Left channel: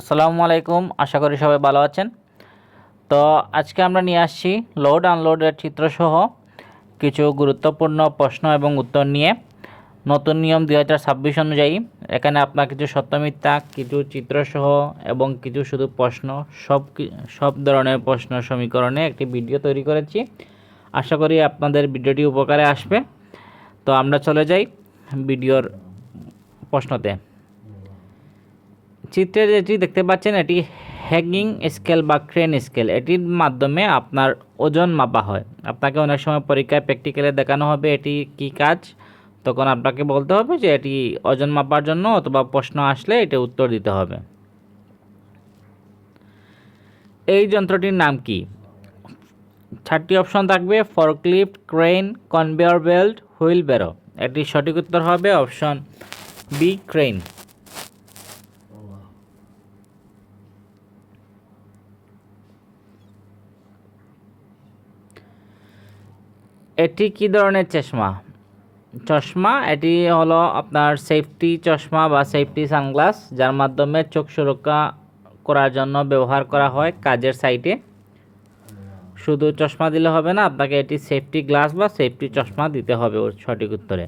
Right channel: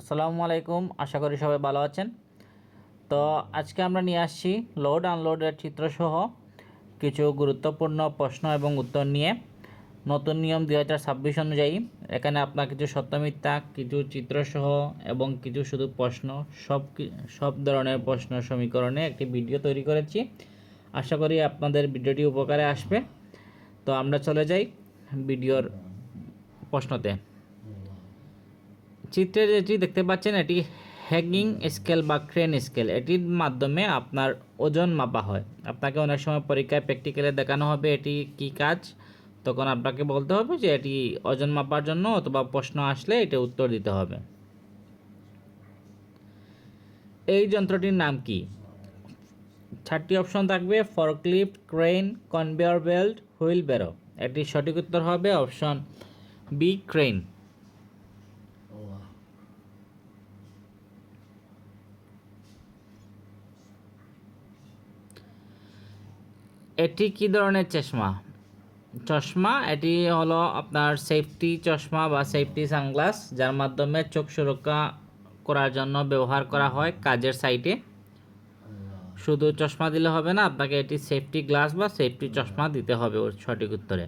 আসসালামু আলাইকুম, আশা করি সবাই ভালো আছেন। তো আজকে আমরা নিয়ে আসছি লোড আনলোডের চিত্রসহ কিছু গুরুত্বপূর্ণ প্রশ্ন এবং উত্তর নিয়ে। নতুন নিয়ম 2026 অনুযায়ী এখানে আপনার কিছু সত্য মিথ্যা, কিছু চিত্রসহ এবং কিছু শুধু প্রশ্ন, সব ধরনের প্রশ্ন সমীকরণে একটি ভিডিও তৈরি করেছি। আশা করি আপনাদের ভিডিওটি উপকারে আসবে। তো আমরা চলে যাই ভিডিওর প্রশ্নতে। চিত্রে যেটি দেখতে পাচ্ছেন এটি হ্যাঙ্গিং স্কেল বা ক্রেন স্কেল। এটির মাধ্যমে আপনার ওজন মাপা হয়। আপনাকে অনেক সময় পরীক্ষায় প্র্যাকটিক্যালে দেখানো হবে এটি কি কাজ, তখন আপনাকে বলতে হবে যে এটি ওজন মাপার জন্য, অথবা প্রশ্ন আসলে এটা উত্তর দিতে হবে। এই যন্ত্রটির নাম কি? 4টি অপশন থাকবে: forklift, crane, conveyor belt, wheelbarrow. এটির সঠিক উত্তর হবে অপশন বি, ক্রেন। এটি কি ধরনের চশমা? এটি হলো আপনার সেফটি চশমা বা সেফটি সানগ্লাস, যার মাধ্যমে চোখ সুরক্ষা করার জন্য ব্যবহার করা হয় কাজের সাইটে। শুধু চশমা দিলে হবে না, আপনাকে এটি সেফটি গ্লাস বা সেফটি চশমা দিতে হবে সঠিক উত্তরে।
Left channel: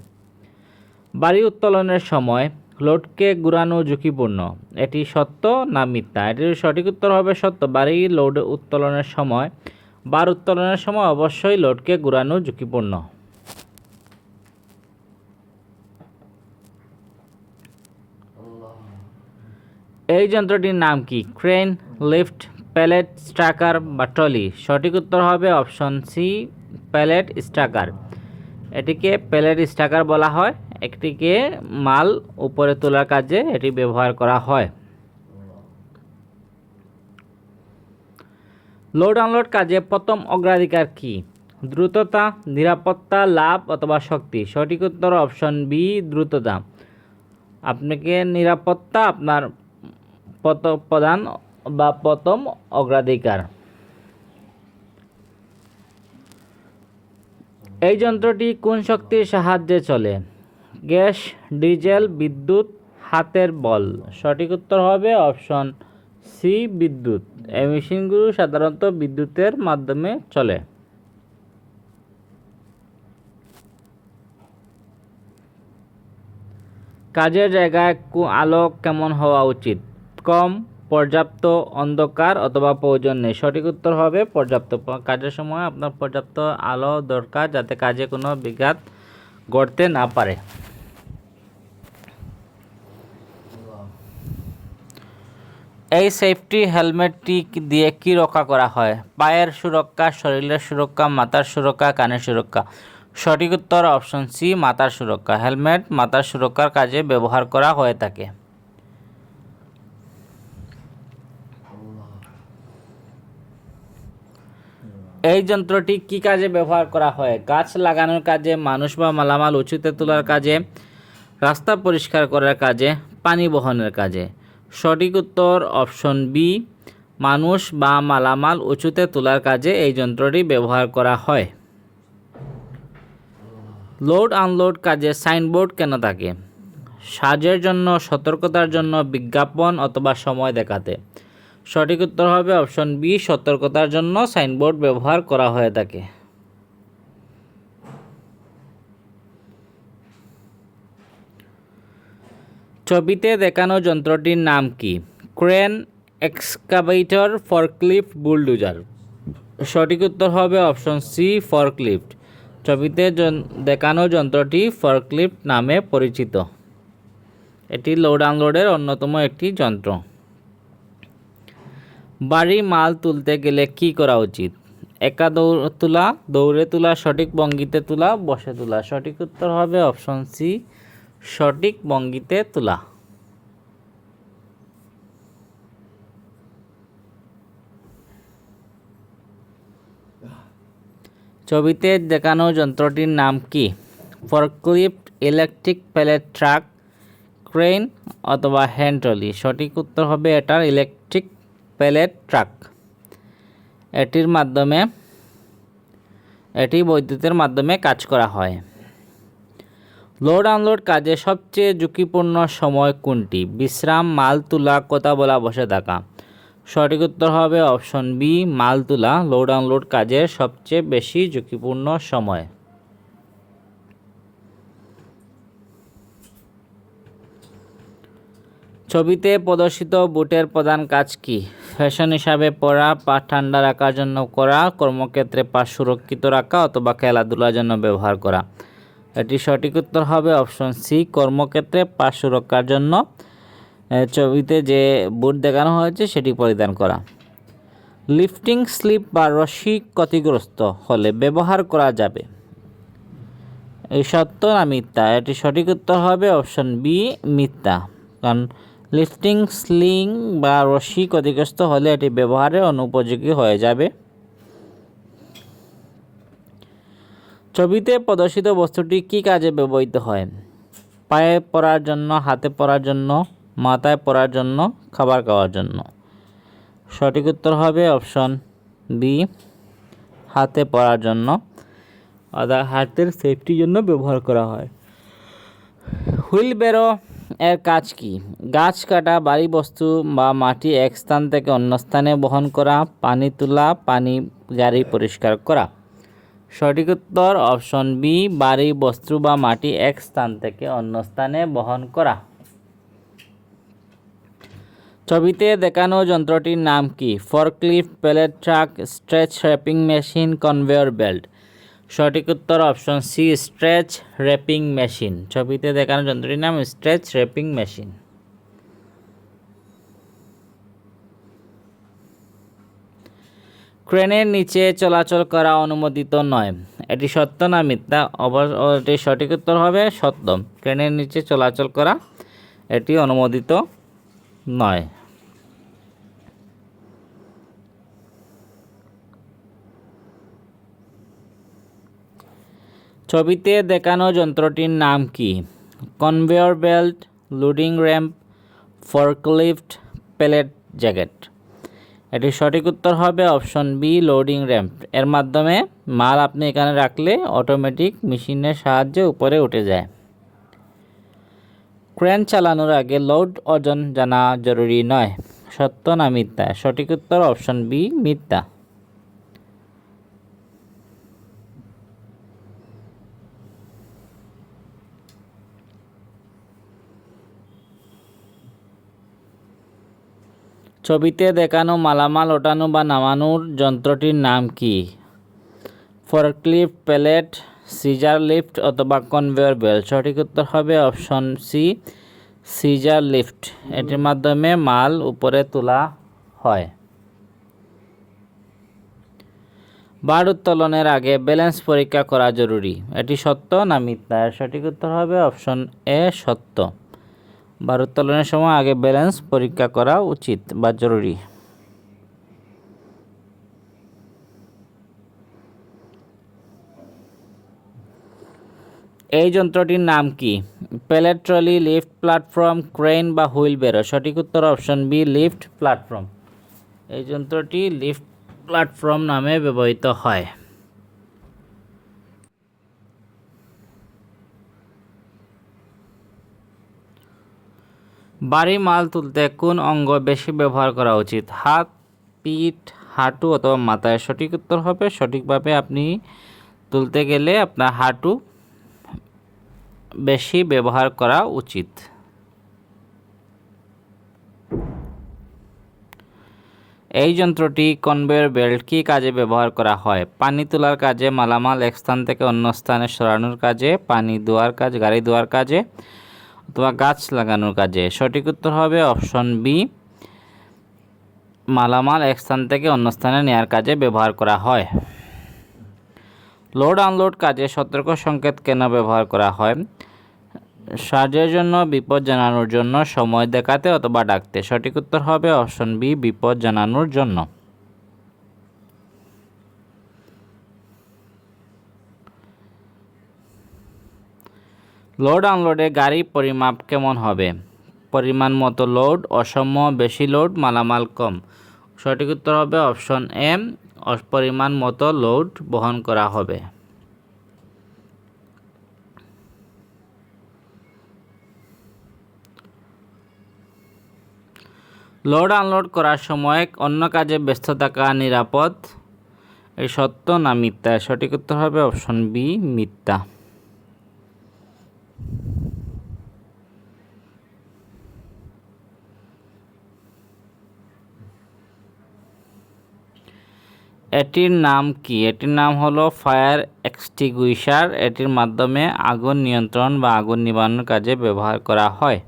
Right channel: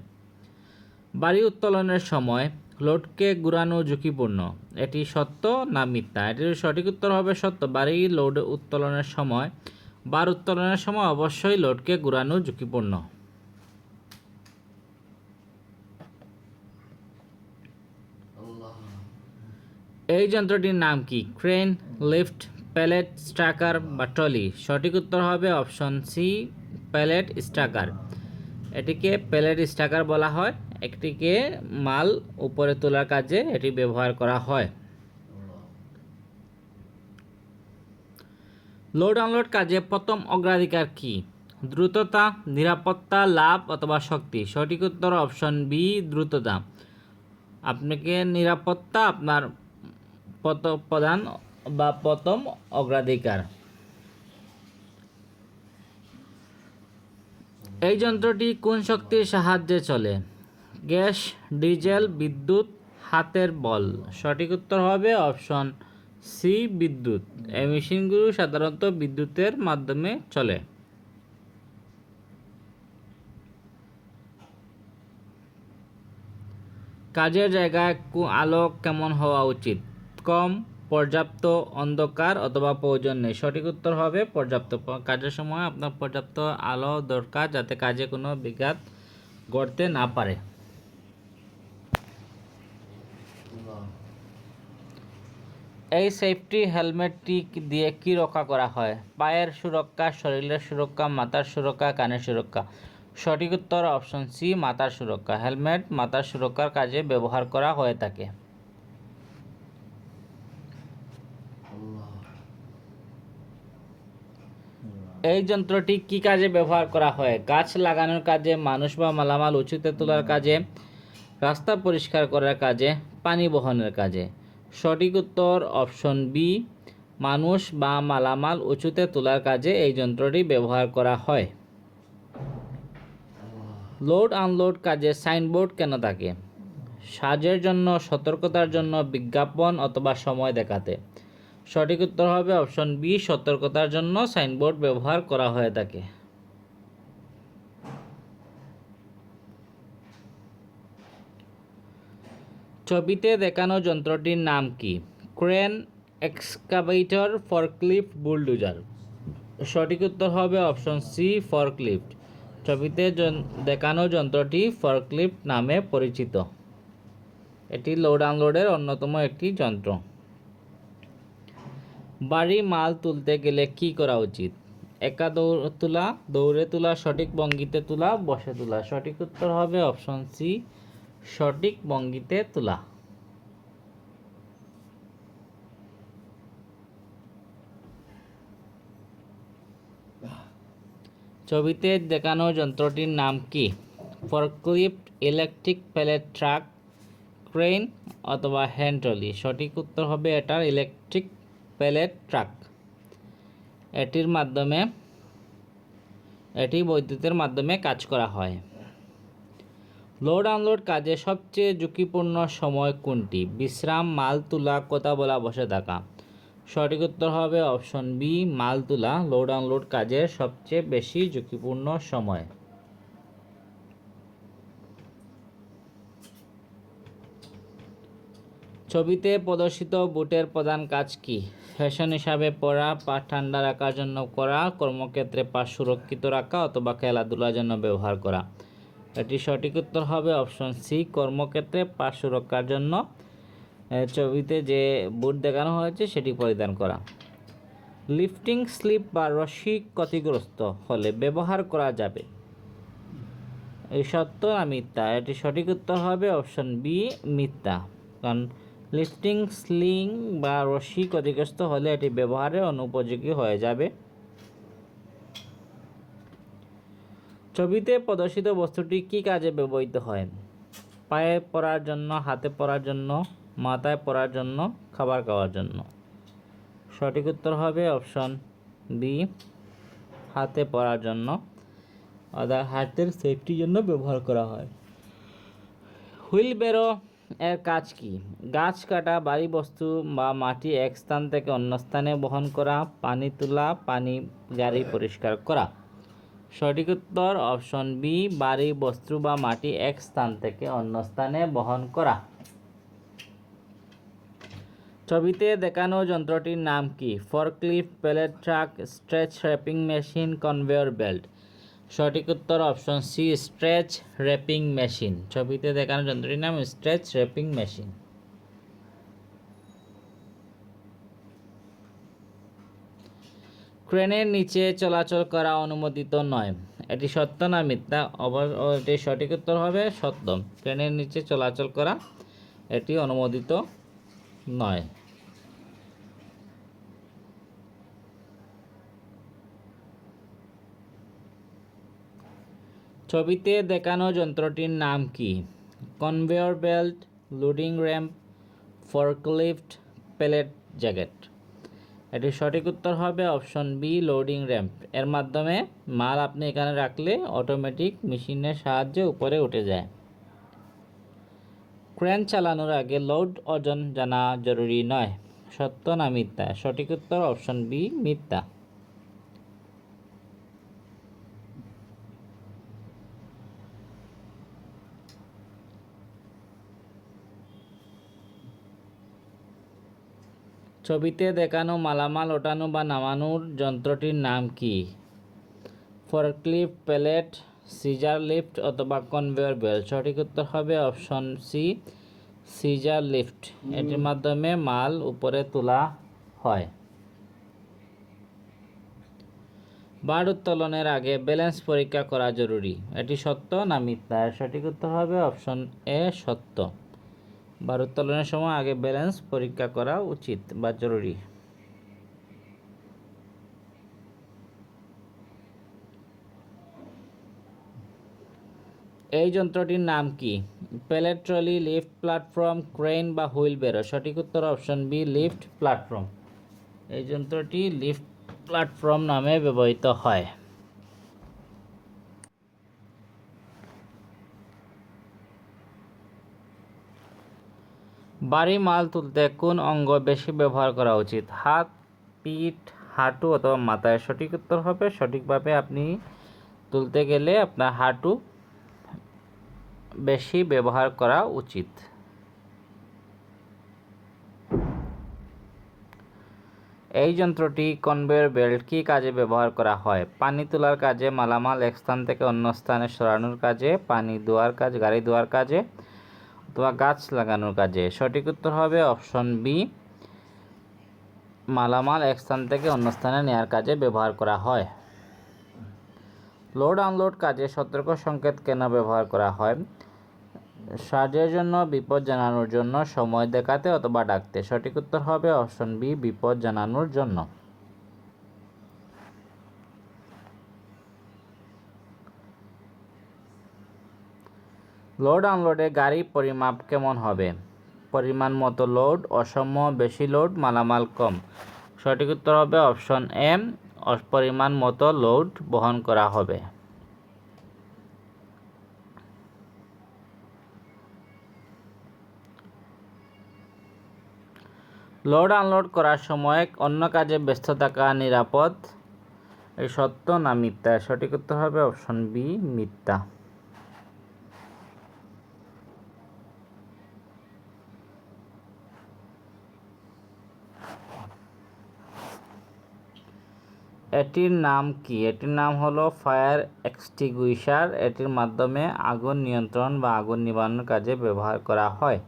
বাড়ি উত্তোলনের সময় লোডকে ঘুরানো ঝুঁকিপূর্ণ। এটি সত্য না মিথ্যা? এটির সঠিক উত্তর হবে সত্য। বাড়ি লোড উত্তোলনের সময় বার উত্তোলনের সময় অবশ্যই লোডকে ঘুরানো ঝুঁকিপূর্ণ। এই যন্ত্রটির নাম কি? ক্রেন, লিফট, প্যালেট স্ট্রাকার বা ট্রলি। সঠিক উত্তর হবে অপশন সি, প্যালেট স্ট্রাকার। এটিকে প্যালেট স্ট্রাকার বলা হয়। একটিকে মাল উপরে তোলার কাজে এটি ব্যবহার করা হয়। লোড আনলোড কাজে প্রথম অগ্রাধিকার কি? দ্রুততা, নিরাপত্তা, লাভ অথবা শক্তি। সঠিক উত্তর অপশন বি, দ্রুততা। আপনাকে নিরাপত্তা আপনার প্রধান বা প্রথম অগ্রাধিকার। এই যন্ত্রটি কোন শক্তির সাহায্যে চলে? গ্যাস, ডিজেল, বিদ্যুৎ, হাতের বল। সঠিক উত্তর হবে অপশন সি, বিদ্যুৎ। এই মেশিনগুলো সাধারণত বিদ্যুতের মাধ্যমে চলে। কাজের জায়গায় আলো কেমন হওয়া উচিত? কম, পর্যাপ্ত, অন্ধকার অথবা প্রয়োজন নেই। সঠিক উত্তর হবে পর্যাপ্ত। কাজের সময় আপনার পর্যাপ্ত আলো দরকার, যাতে কাজে কোনো বিঘাত ঘটতে না পারে। এই সেফটি হেলমেটটি দিয়ে কি রক্ষা করা হয়? পায়ের সুরক্ষা, শরীরের সুরক্ষা, মাথার সুরক্ষা, কানের সুরক্ষা। সঠিক উত্তর অপশন সি, মাথার সুরক্ষা। হেলমেট মাথার সুরক্ষার কাজে ব্যবহার করা হয়ে থাকে। এই যন্ত্রটি কি কাজে ব্যবহার করা হয়? গাছ লাগানোর কাজে, মানুষ বা মালামাল উঁচুতে তোলার কাজে, রাস্তা পরিষ্কার করার কাজে, পানি বহনের কাজে। সঠিক উত্তর অপশন বি, মানুষ বা মালামাল উঁচুতে তোলার কাজে এই যন্ত্রটি ব্যবহার করা হয়। লোড আনলোড কাজে সাইনবোর্ড কেন থাকে? সাজের জন্য, সতর্কতার জন্য, বিজ্ঞাপন অথবা সময় দেখাতে। সঠিক উত্তর হবে অপশন বি, সতর্কতার জন্য সাইনবোর্ড ব্যবহার করা হয়ে থাকে। ছবিতে দেখানো যন্ত্রটির নাম কি? Crane, excavator, forklift, bulldozer. সঠিক উত্তর হবে অপশন সি, ফরক্লিফট। ছবিতে দেখানো যন্ত্রটি ফরক্লিফট নামে পরিচিত। এটি লোড আনলোডের অন্যতম একটি যন্ত্র। ভারী মাল তুলতে গেলে কি করা উচিত? একা দৌড়ে তোলা, সঠিক ভঙ্গিতে তোলা, বসে তোলা। সঠিক উত্তর হবে অপশন সি, সঠিক ভঙ্গিতে তোলা। ছবিতে দেখানো যন্ত্রটির নাম কি? Forklift, electric palette truck, crane অথবা হ্যান্ড ট্রলি। সঠিক উত্তর হবে এটার ইলেকট্রিক প্যালেট ট্রাক। এটি বৈদ্যুতের মাধ্যমে কাজ করা হয়। লোড আনলোড কাজে সবচেয়ে ঝুঁকিপূর্ণ সময় কোনটি? বিশ্রাম, মাল তোলা, কথা বলা, বসে থাকা। সঠিক উত্তর হবে অপশন বি, মাল তোলা। লোড আনলোড কাজের সবচেয়ে বেশি ঝুঁকিপূর্ণ সময়। ছবিতে প্রদর্শিত বুটের প্রধান কাজ কি? ফ্যাশন হিসাবে পরা, পা ঠান্ডা রাখার জন্য করা, কর্মক্ষেত্রে পা সুরক্ষিত রাখা অথবা খেলাধুলার জন্য ব্যবহার করা। এটি সঠিক উত্তর হবে অপশন সি, কর্মক্ষেত্রে পা সুরক্ষার জন্য ছবিতে যে বুট দেখানো হয়েছে সেটি পরিধান করা। লিফটিং স্লিপ বা রশি ক্ষতিগ্রস্ত হলে ব্যবহার করা যাবে। এই সত্য না মিথ্যা? এটি সঠিক উত্তর হবে অপশন বি, মিথ্যা। কারণ লিফটিং স্লিং বা রশি ক্ষতিগ্রস্ত হলে এটি ব্যবহারের অনুপযোগী হয়ে যাবে। ছবিতে প্রদর্শিত বস্তুটি কী কাজে ব্যবহৃত হয়? পায়ে পরার জন্য, হাতে পরার জন্য, মাথায় পরার জন্য, খাবার খাওয়ার জন্য। সঠিক উত্তর হবে অপশন বি, হাতে পরার জন্য। অর্থাৎ হাতের সেফটির জন্য ব্যবহার করা হয়। হুইল বেরো এর কাজ কি? গাছ কাটা, ভারী বস্তু বা মাটি এক স্থান থেকে অন্য স্থানে বহন করা, পানি তোলা, পানি গাড়ি পরিষ্কার করা। সঠিক উত্তর অপশন বি, ভারী বস্তু বা মাটি এক স্থান থেকে অন্য স্থানে বহন করা। ছবিতে দেখানো যন্ত্রটির নাম কি? Forklift, pallet truck, stretch wrapping machine, conveyor belt. সঠিক উত্তর option C, stretch wrapping machine. ছবিতে দেখানো যন্ত্রটির নাম স্ট্রেচ র্যাপিং মেশিন। ক্রেনের নিচে চলাচল করা অনুমোদিত নয়। এটি সত্য না মিথ্যা? এটি সঠিক উত্তর হবে সত্য। ক্রেনের নিচে চলাচল করা এটি অনুমোদিত নয়। ছবিতে দেখানো যন্ত্রটির নাম কি? Conveyor belt, loading ramp, forklift, pallet jacket. এটি সঠিক উত্তর হবে অপশন বি, লোডিং র্যাম্প। এর মাধ্যমে মাল আপনি এখানে রাখলে অটোমেটিক মেশিনের সাহায্যে উপরে উঠে যায়। ক্রেন চালানোর আগে লোড ওজন জানা জরুরি নয়। সত্য না মিথ্যা? সঠিক উত্তর অপশন বি, মিথ্যা। ছবিতে দেখানো মালামাল ওঠানো বা নামানোর যন্ত্রটির নাম কি? ফর্কলিফট, প্যালেট, সিজার লিফট অথবা কনভেয়র বেল্ট। সঠিক উত্তর হবে অপশন সি, সিজার লিফট। এটির মাধ্যমে মাল উপরে তোলা হয়। বার উত্তোলনের আগে ব্যালেন্স পরীক্ষা করা জরুরি। এটি সত্য না মিথ্যা? সঠিক উত্তর হবে অপশন এ, সত্য। বার উত্তোলনের সময় আগে ব্যালেন্স পরীক্ষা করা উচিত বা জরুরি। এই যন্ত্রটির নাম কি? Pallet trolley, lift platform, crane বা হুইল বেরো। সঠিক উত্তর অপশন বি, লিফট প্ল্যাটফর্ম। এই যন্ত্রটি লিফট প্ল্যাটফর্ম নামে ব্যবহৃত হয়। ভারী মাল তুলতে কোন অঙ্গ বেশি ব্যবহার করা উচিত? হাত, পিঠ, হাঁটু অথবা মাথায়। সঠিক উত্তর হবে সঠিকভাবে আপনি তুলতে গেলে আপনার হাঁটু বেশি ব্যবহার করা উচিত। এই যন্ত্রটি কনভেয়র বেল্ট কী কাজে ব্যবহার করা হয়? পানি তোলার কাজে, মালামাল এক স্থান থেকে অন্য স্থানে সরানোর কাজে, পানি ধোয়ার কাজ, গাড়ি ধোয়ার কাজে অথবা গাছ লাগানোর কাজে। সঠিক উত্তর হবে অপশন বি, মালামাল এক স্থান থেকে অন্য স্থানে নেওয়ার কাজে ব্যবহার করা হয়। লোড আনলোড কাজে সতর্ক সংকেত কেন ব্যবহার করা হয়? সাহায্যের জন্য, বিপদ জানানোর জন্য, সময় দেখাতে অথবা ডাকতে। সঠিক উত্তর হবে অপশন বি, বিপদ জানানোর জন্য। লোড আনলোডে গাড়ি পরিমাপ কেমন হবে? পরিমাণ মতো লোড, অসম, বেশি লোড, মালামাল কম। সঠিক উত্তর হবে অপশন এ, পরিমাণ মতো লোড বহন করা হবে। লোড আনলোড করার সময় অন্য কাজে ব্যস্ত থাকা নিরাপদ, এই সত্য না মিথ্যা? সঠিক উত্তর হবে অপশন বি, মিথ্যা। এটির নাম কি? এটির নাম হলো ফায়ার এক্সটিংগুইশার। এটির মাধ্যমে আগুন নিয়ন্ত্রণ বা আগুন নিবানোর কাজে ব্যবহার করা হয়।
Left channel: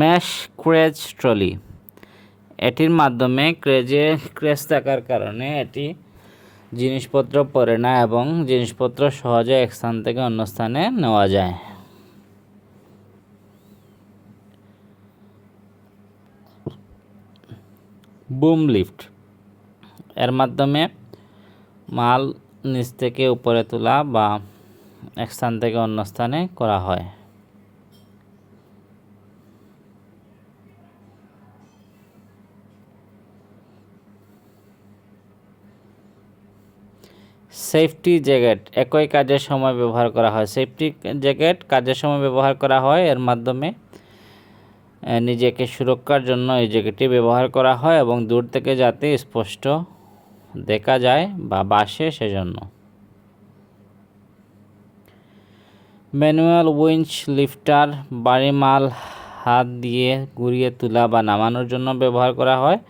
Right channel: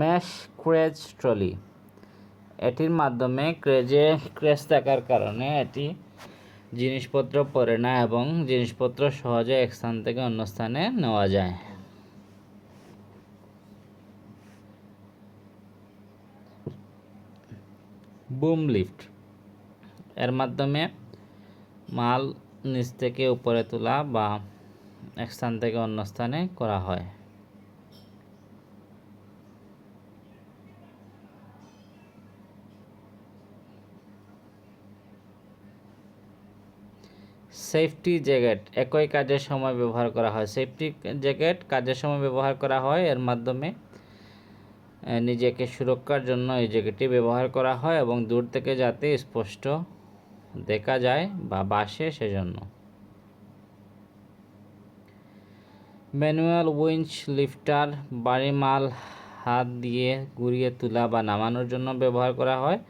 Mash craze trolley. এটির মাধ্যমে ক্রেজ থাকার কারণে এটি জিনিসপত্র পড়ে না এবং জিনিসপত্র সহজে এক স্থান থেকে অন্য স্থানে নেওয়া যায়। Broom lift. এর মাধ্যমে মাল নিচ থেকে উপরে তোলা বা এক স্থান থেকে অন্য স্থানে করা হয়। সেফটি জ্যাকেট একই কাজের সময় ব্যবহার করা হয়। সেফটি জ্যাকেট কাজের সময় ব্যবহার করা হয়। এর মাধ্যমে নিজেকে সুরক্ষার জন্য এই জ্যাকেটটি ব্যবহার করা হয় এবং দূর থেকে যাতে স্পষ্ট দেখা যায় বা বাসে সেজন্য। ম্যানুয়াল উইঞ্চ লিফটার ভারী মাল হাত দিয়ে ঘুরিয়ে তোলা বা নামানোর জন্য ব্যবহার করা হয়।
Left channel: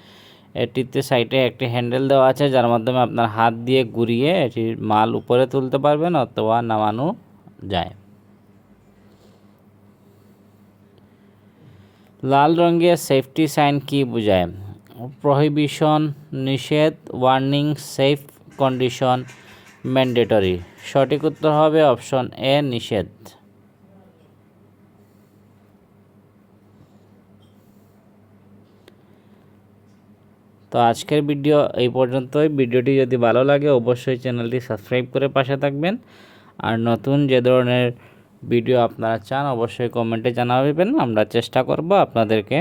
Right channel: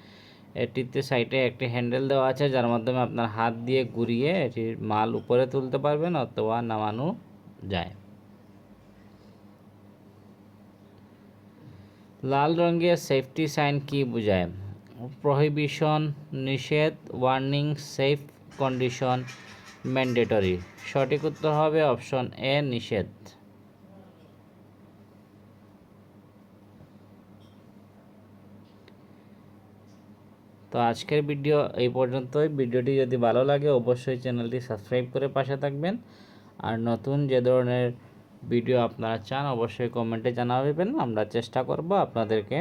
এটিতে সাইডে একটি হ্যান্ডেল দেওয়া আছে যার মাধ্যমে আপনার হাত দিয়ে ঘুরিয়ে এটির মাল উপরে তুলতে পারবেন অথবা নামানো যায়। লাল রঙের সেফটি সাইন কি বোঝায়? প্রহিবিশন, নিষেধ, ওয়ার্নিং, সেফ কন্ডিশন, ম্যান্ডেটরি। সঠিক উত্তর হবে অপশন এ, নিষেধ। তো আজকের ভিডিও এই পর্যন্তই। ভিডিওটি যদি ভালো লাগে অবশ্যই চ্যানেলটি সাবস্ক্রাইব করে পাশে থাকবেন। আর নতুন যে ধরনের ভিডিও আপনারা চান অবশ্যই কমেন্টে জানাবেন। আমরা চেষ্টা করব আপনাদেরকে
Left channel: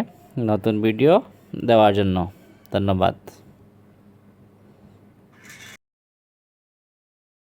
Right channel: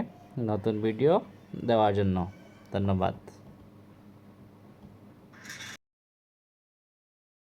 নতুন ভিডিও দেওয়ার জন্য। ধন্যবাদ।